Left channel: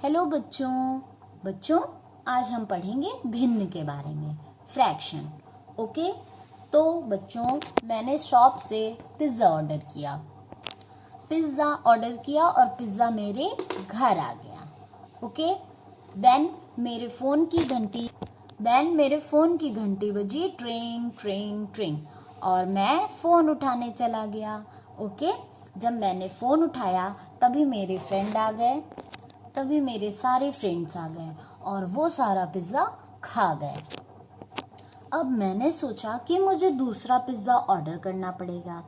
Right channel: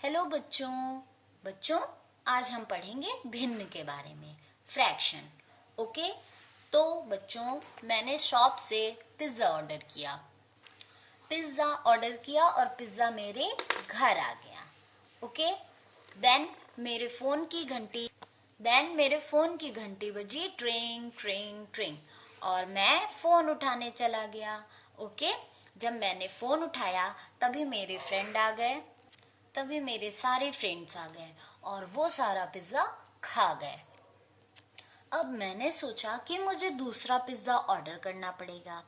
Hello बच्चों। बच्चों, आज हम पढ़ेंगे भिन्न के बारे में, फ्रैक्शन। ओके, तो बच्चों मैंने शॉप से पिज़्ज़ा ऑर्डर किया और पिज़्ज़ा मेरे घर आ गया। ओके, देन मेरे फ़ोन की घंटी बजी, ट्रिंग ट्रिंग ट्रिंग, और मैं फ़ोन उठाने चला गया। ओके, जब मैंने फ़ोन उठाया तभी मेरे सारे फ्रेंड्स आ गए और वो सारा पिज़्ज़ा खा गए। अब मैंने सोचा कि मुझे दूसरा पिज़्ज़ा ऑर्डर करना पड़ेगा।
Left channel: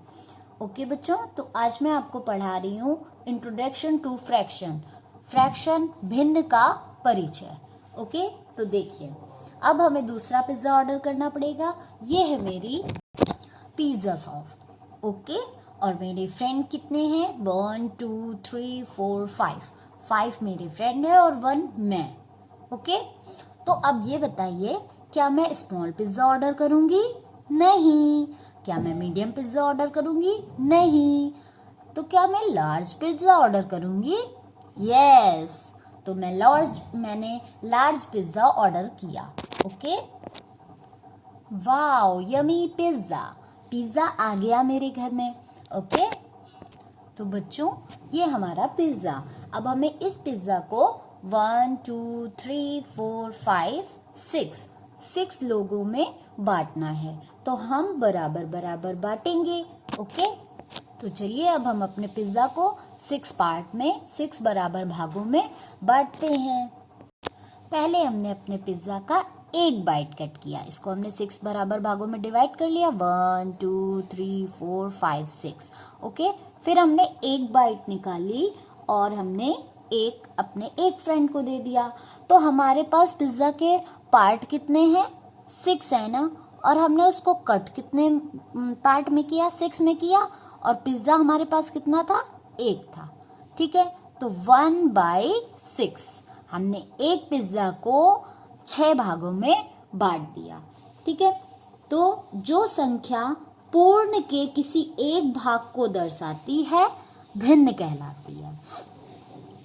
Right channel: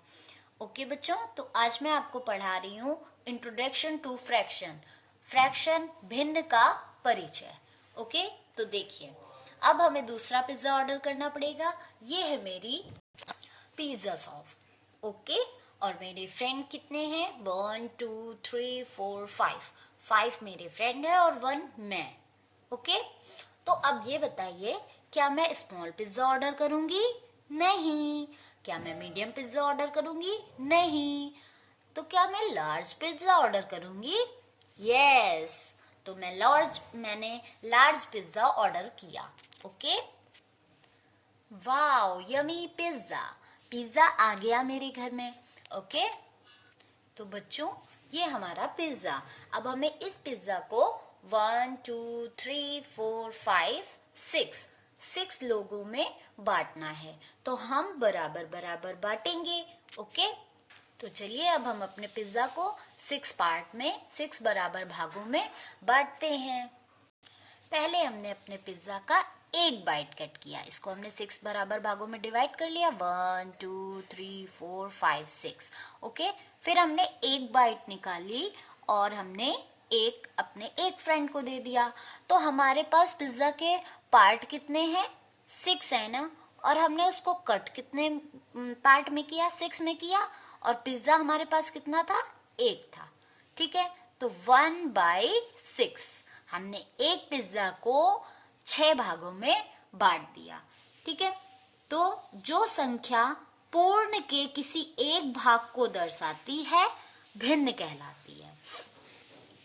ओके बच्चों, तो आज मैं आपको पढ़ा रही हूँ इंट्रोडक्शन टू फ्रैक्शन भिन्न का परिचय। ओके, तो देखिए, अब हमें दूसरा पिज़्ज़ा ऑर्डर करना पड़ेगा। ये है मेरी पिज़्ज़ा शॉप। ओके, और मेरे फ्रेंड कितने हैं? 1 2 3 4 5 मेरे फ्रेंड है और 1 मैं। ओके, तो अब ये बताइए, क्या मैं स्मॉल पिज्जा ऑर्डर करूंगी? नहीं। क्या मैं मीडियम पिज्जा ऑर्डर करूंगी? नहीं। तो क्या मैं लार्ज पिज्जा ऑर्डर करूंगी? यस। तो मैंने लार्ज पिज्जा ऑर्डर किया। ओके, वाओ, यमी पिज्जा आ गया मेरे घर में। ओके, तो बच्चों ये हमारा पिज्जा। अब हमें इस पिज्जा को 1 2 3 4 5 6 लोगों में बांटना है, तो हम बराबर बराबर बांटेंगे। ओके, तो चलिए अब हम अपने पिज्जा को 6 बराबर भागों में बांटते हैं। पहले हमने अपने पिज्जा का एक बाइट कट किया, इसको हमने 6 बराबर भागों में डिवाइड कर लिया, 1 2 3 4 5 6। ओके, फिर हमने एक बाइट निकाली और हमने अपने एक फ्रेंड को दे दिया। तो हमारे पास पिज्जा के पार्ट कितने हैं? 6 है ना, और हमने उसको कट कितने पार्ट में किया? 6 में किया, और पिज्जा हमारे पास कितना था? 1 था। ठीक है, तो 1/6 हमने एक पिज्जा को 6 भागों में बांट दिया। ठीक है, तो जो संख्या पूर्ण के किसी एक भाग को दर्शाती है भिन्न कहलाती है।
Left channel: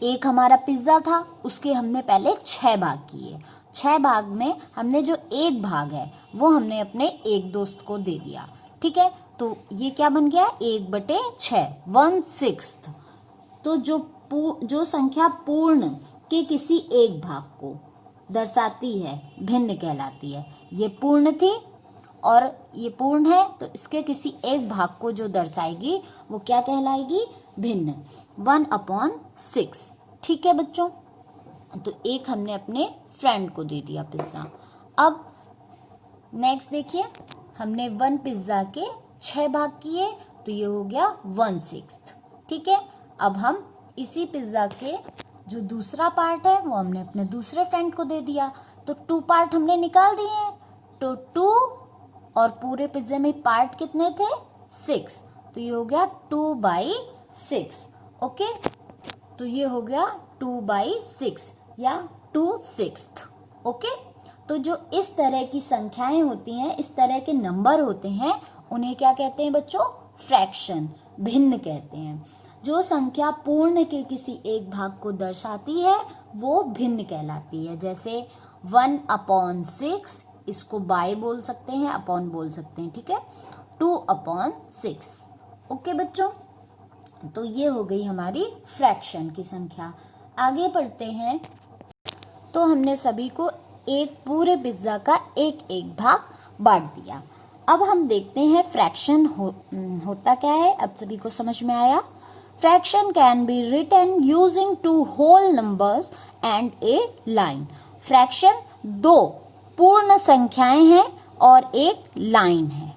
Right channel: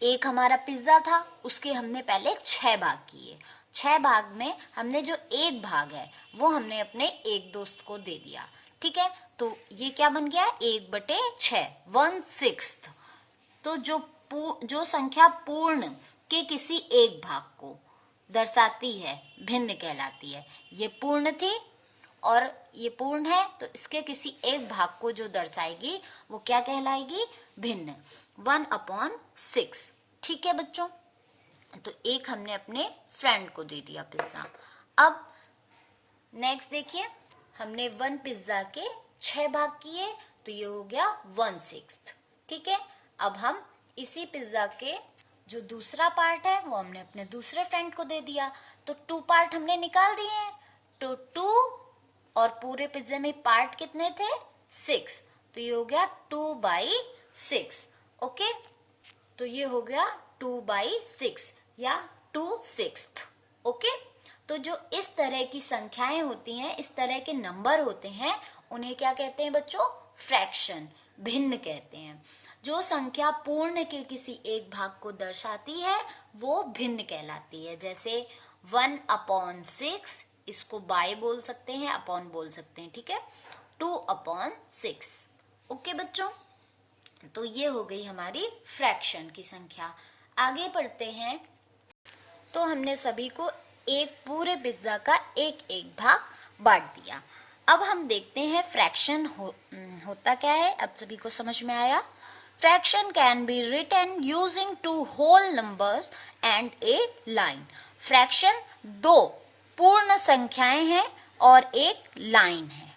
एक हमारा पिज्जा था, उसके हमने पहले 6 भाग किए। 6 भाग में हमने जो एक भाग है वो हमने अपने एक दोस्त को दे दिया। ठीक है, तो ये क्या बन गया? 1/6, 1/6। तो जो संख्या पूर्ण के किसी एक भाग को दर्शाती है भिन्न कहलाती है। ये पूर्ण थी और ये पूर्ण है, तो इसके किसी एक भाग को जो दर्शाएगी वो क्या कहलाएगी? भिन्न। 1/6। ठीक है बच्चों, तो एक हमने अपने फ्रेंड को दे दिया पिज्जा। अब नेक्स्ट देखिए, हमने 1 पिज्जा के 6 भाग किए, तो ये हो गया 1/6। ठीक है, अब हम इसी पिज्जा के जो दूसरा पार्ट है वो हमने अपने दूसरे फ्रेंड को दे दिया, तो 2 पार्ट हमने निकाल दिए हैं। तो 2 और पूरे पिज्जे में पार्ट कितने थे? 6, तो ये हो गया 2/6। ओके, तो ये हो गया 2/6 या 2/6। ओके, तो जो इस तरह की संख्याएं होती हैं, इस तरह के नंबर होते हैं, उन्हें क्या कहते हैं बच्चों? फ्रैक्शन, भिन्न कहते हैं। जो संख्या पूर्ण के किसी एक भाग को दर्शाती है वो भिन्न कहलाती है। जैसे 1/6, इसको बाय बोल सकते हैं, अपॉन बोल सकते हैं। ठीक है, 2/6। ओके बच्चों, तो ये हो गई हमारी फ्रैक्शन की संख्या। आगे बढ़ते हैं, तो हमने सभी को एक पूरे पिज्जा का एक एक भाग बांट दिया। अब हम देखते हैं फ्रैक्शन होता क्या है। अब सभी को समझ में आया? Fraction can be written using 2 whole numbers and a line. Fraction 2 पूर्ण संख्याएं हैं और एक लाइन है।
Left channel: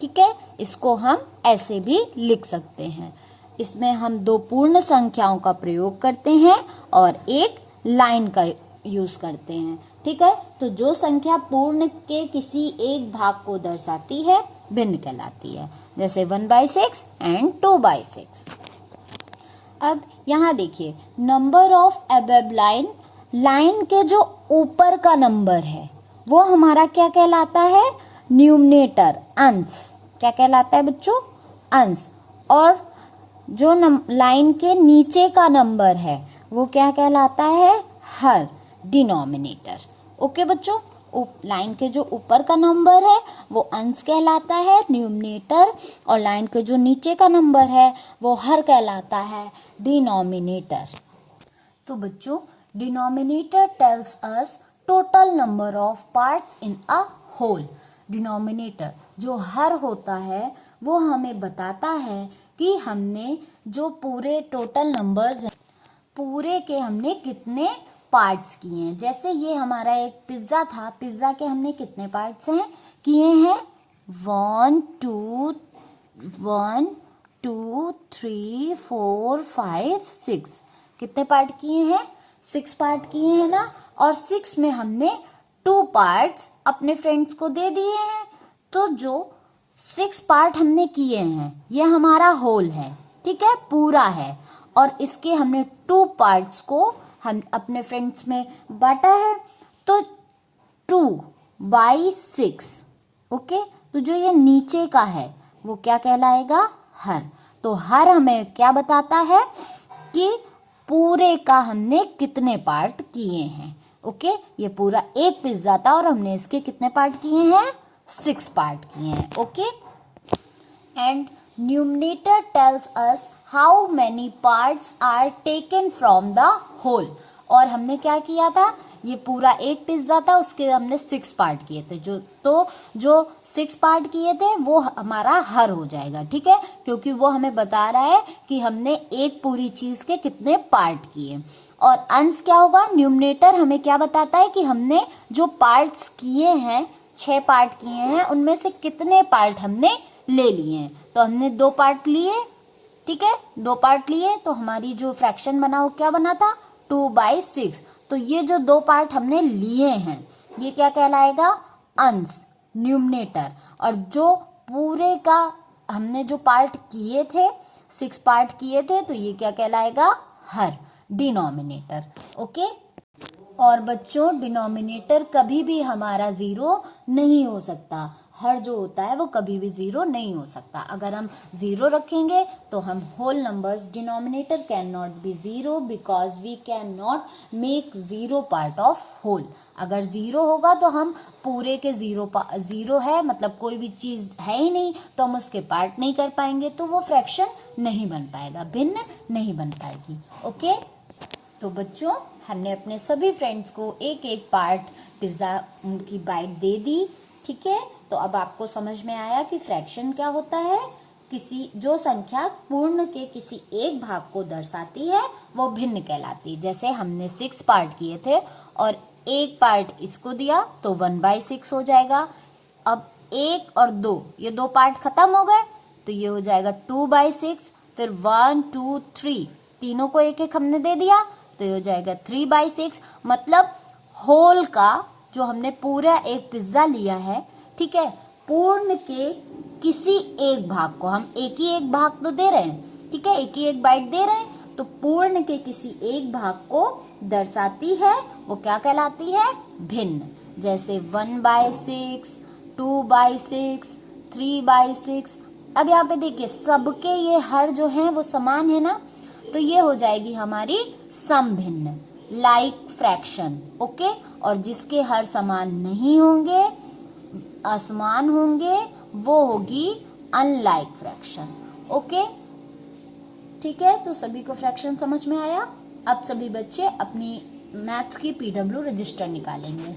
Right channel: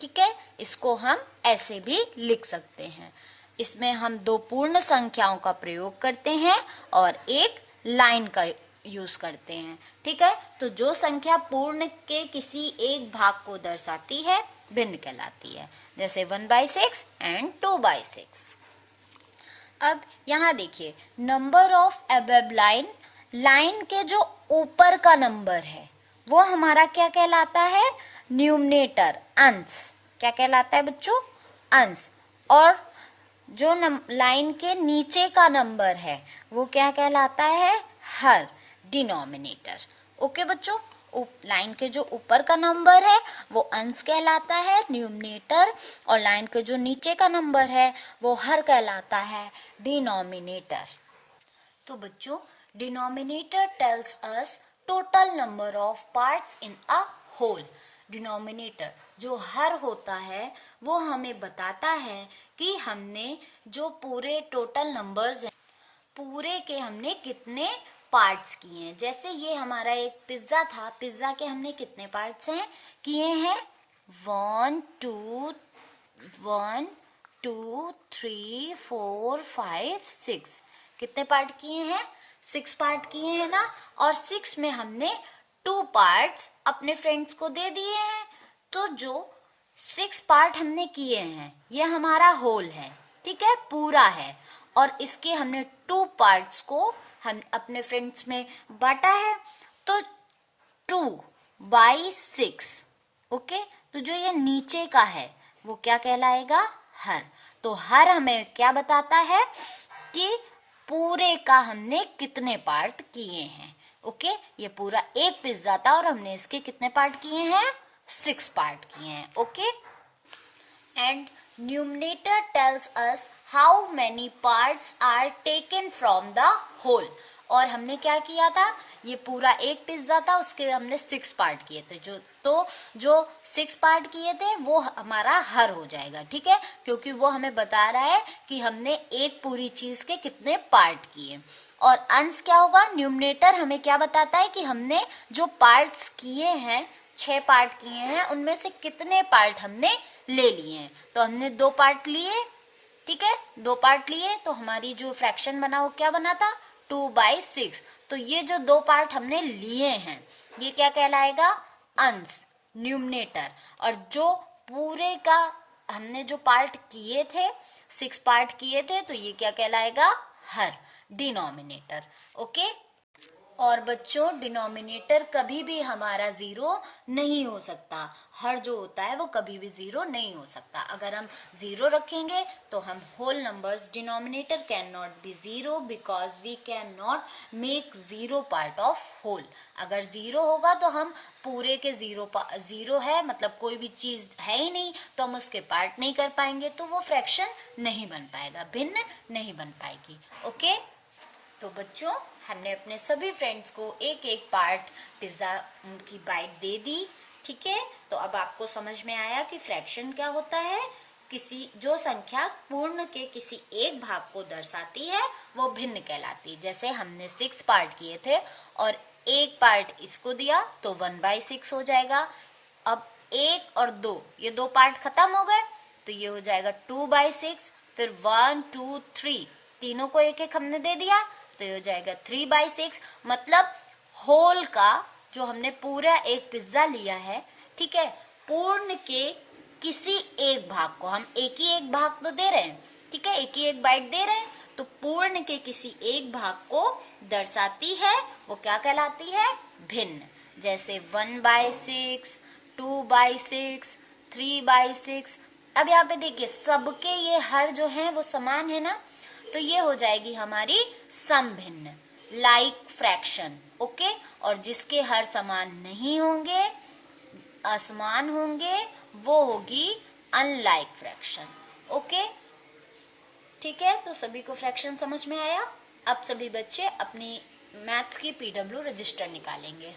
ठीक है, इसको हम ऐसे भी लिख सकते हैं। इसमें हम 2 पूर्ण संख्याओं का प्रयोग करते हैं और एक लाइन का यूज करते हैं। ठीक है, तो जो संख्या पूर्ण के किसी एक भाग को दर्शाती है भिन्न कहलाती है, जैसे 1/6 एंड 2/6। अब यहाँ देखिए, नंबर ऑफ अबव लाइन के जो ऊपर का नंबर है वो हमारा क्या कहलाता है? न्यूमरेटर, अंश। क्या कहलाता है बच्चों? अंश। और जो लाइन के नीचे का नंबर है वो क्या कहलाता है? हर, डिनोमिनेटर। ओके बच्चों, लाइन के जो ऊपर का नंबर है वो अंश कहलाता है, न्यूमरेटर, और लाइन के जो नीचे का नंबर है वो हर कहलाता है, डिनोमिनेटर। तो बच्चों, denominator tells us total number of parts in a whole. Denominator जो हर होता है वो हमें बताता है कि हमने जो पूरे टोटल नंबर्स हैं पूरे के हमने कितने पार्ट्स किए हैं। जैसे ये हमारा एक पिज्जा था, पिज्जा के हमने कितने पार्ट्स हैं किए हैं, 1 2 3 4 5 6। कितने पार्ट किए हैं, 6 पार्ट किए हैं ना। और 6 में हमने 2 पार्ट्स अपने फ्रेंड्स को दे दिए हैं। तो जो 6 पार्ट हमने किए हैं ये हमारा होल है, ठीक है, पूरा है। और इसके हमने 2 पार्ट्स को हम अपने फ्रेंड्स में बांटा है। तो 2/6। ओके, तो जो ये नीचे का है वो क्या कहलाएगा, हर। तो हर हमें क्या बताता है कि पूरे का हमने कितने पार्ट किए हैं। ओके, ये पूरा एक पिज्जा था और हमने इसके कितने पार्ट किए हैं, 6 पार्ट किए हैं। Okay, and numerator tells us how many parts are taken from the whole। और हमने क्या किया था, ये पूरा एक पिज्जा था, उसके हमने 6 पार्ट किए थे। जो 6 पार्ट किए थे वो हमारा हर हो जाएगा, ठीक है, क्योंकि वो हमें बता रहा है कि हमने एक पूरी चीज के कितने पार्ट किए। और अंश क्या होगा, न्यूमरेटर हमें क्या बताता है कि हमने जो पार्ट्स किए हैं, 6 पार्ट किए हैं, उनमें से कितने पार्ट हमने ले लिए हैं। तो हमने 2 पार्ट लिए, ठीक है, 2 पार्ट लिए, तो हमारी जो फ्रैक्शन बना वो क्या बना था, 2/6। तो ये जो 2 पार्ट हमने लिए हैं ये क्या कहलाएगा, अंश, न्यूमरेटर। और जो पूरे का हमने जो पार्ट किए थे, 6 पार्ट किए थे, तो ये क्या कहलाएगा, हर, डिनोमिनेटर। ओके, और बच्चों डिनोमिनेटर कभी भी हमारा 0 नहीं हो सकता। हर जो होता है वो कभी भी 0 नहीं हो सकता। अगर हम 0 रखेंगे तो हम whole numbers, denominator can not be 0 because we can not make 0 part of whole. अगर 0 होगा तो हम पूरे के 0 है, मतलब कोई भी चीज है ही नहीं, तो हम उसके पार्ट नहीं कर पाएंगे, तो वो फ्रैक्शन नहीं बन पाएगा, भिन्न नहीं बन पाएगी। ओके, तो बच्चों हमने अपने सभी फ्रेंड्स को एक एक पार्ट पिज्जा की बाइट दे दी, ठीक है। तो अब आपको समझ में आया कि फ्रैक्शन क्या होता है, किसी जो संख्या पूर्ण के किसी एक भाग को दर्शाती है वो भिन्न कहलाती है। जैसे हमने 6 पार्ट किए थे और एक पार्ट इसको दिया तो 1/6 हो जाएगा। अब 1 और 2 ये 2 पार्ट खत्म हो गए तो ये हो जाएगा 2/6। फिर 1 2 3 तीनों को एक एक हमने दे दिया तो ये हो जाएगा 3/6। मतलब होल का जो हमने पूरा एक पिज्जा लिया है, ठीक है, पूर्ण के किसी एक भाग को, हम एक ही एक भाग तो दे रहे हैं, ठीक है, एक ही एक बाइट दे रहे हैं, तो पूर्ण के किसी एक भाग को दर्शाती है, वो क्या कहलाती है, भिन्न। जैसे 1/6, 2/6, 3/6। अब यहाँ पे देखिए सबके ये हर जो है वो समान है ना, तो ये हो जाएगी हमारी समभिन्न, लाइक फ्रैक्शन। ओके, और जिसके हर समान नहीं होंगे, असमान होंगे, वो होगी अनलाइक फ्रैक्शन। ओके, ठीक है, तो सभी को फ्रैक्शन समझ में आया। अब सभी बच्चे अपनी मैथ्स की PW रजिस्टर निकालेंगे।